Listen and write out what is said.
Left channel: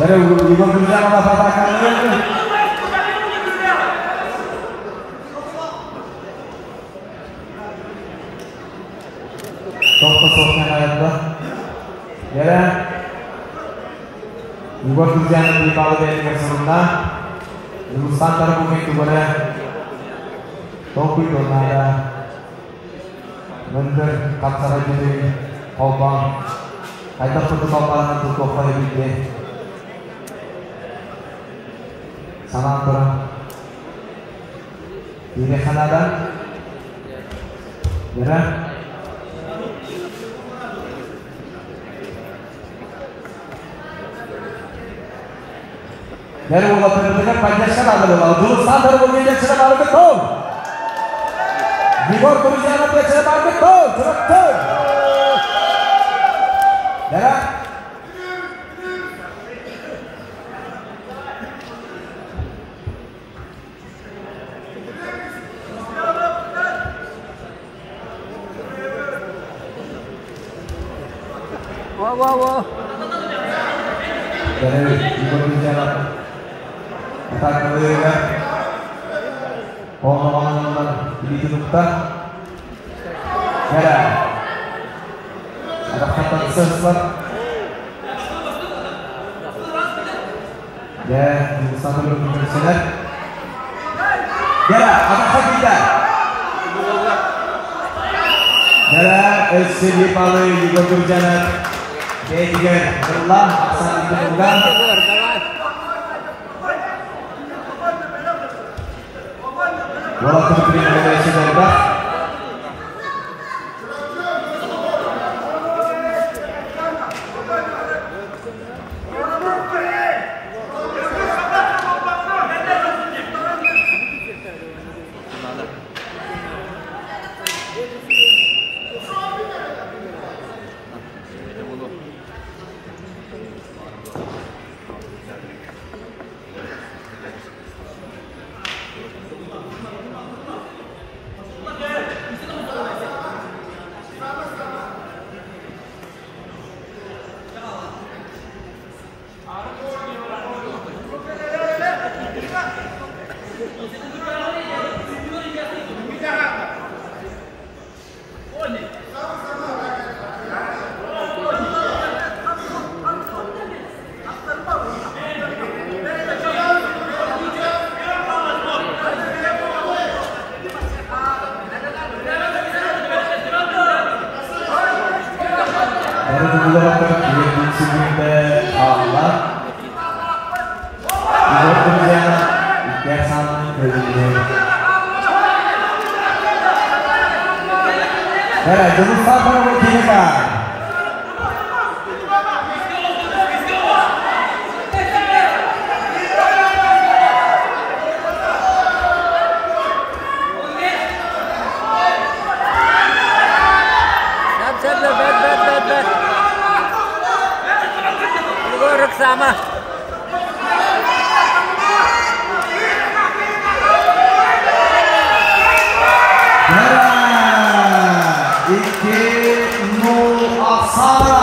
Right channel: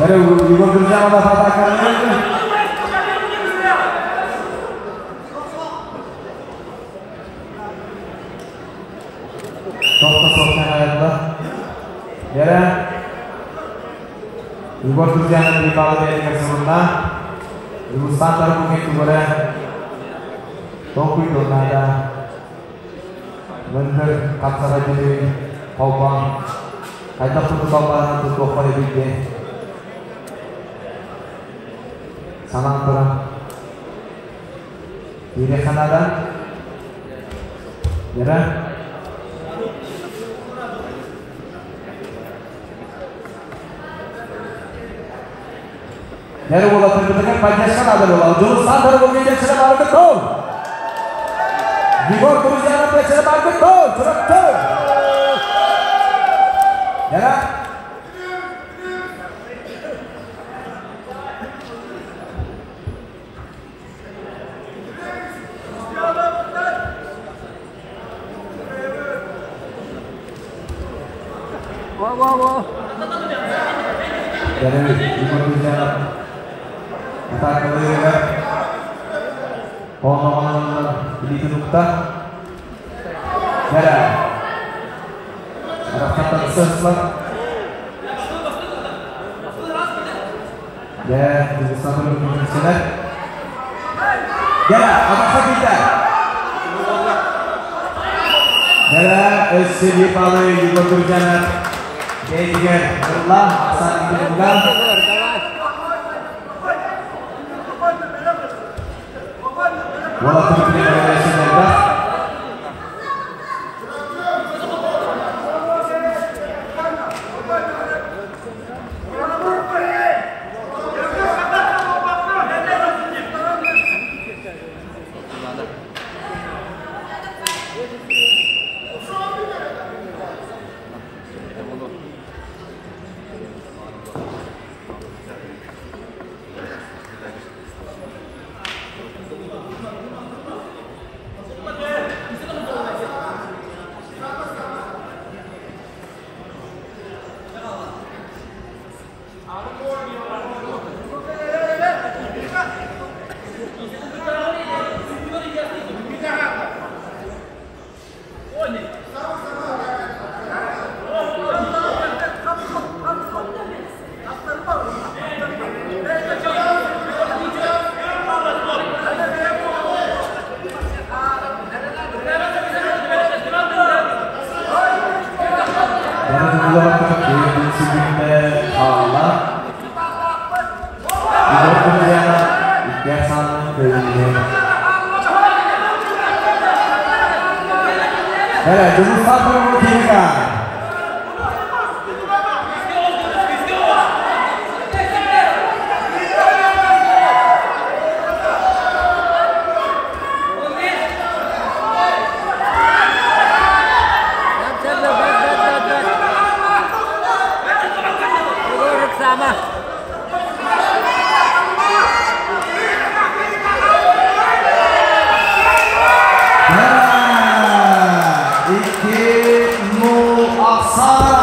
Dari juga berusaha membatalkan ini. Top-topnya ayatnya. Ya. Juga berusaha di bawah dari kesemutan. Lulusan terbuka itu boleh. Topi donada. Bener kacara jadi kobang. Ada pun kobang untuk kobang ini. Salam perang di Kanada ya dari mulai pendidikan Pancasila ada loh jurusan dari pemilihan sudah betul di bawah perusahaan dia sudah betul ya Wow. Dari Indonesia empat kali ya. Orang-orang ditunjukkan. Ya. Ada kata sesat. Ya, di sana belum selesai. Ya, ada ketiga. Dalam SCB Palu juga berjalan. Baik, Allah saat diundang. Walaupun diberikan oleh sejarah. Iki Nur Aksara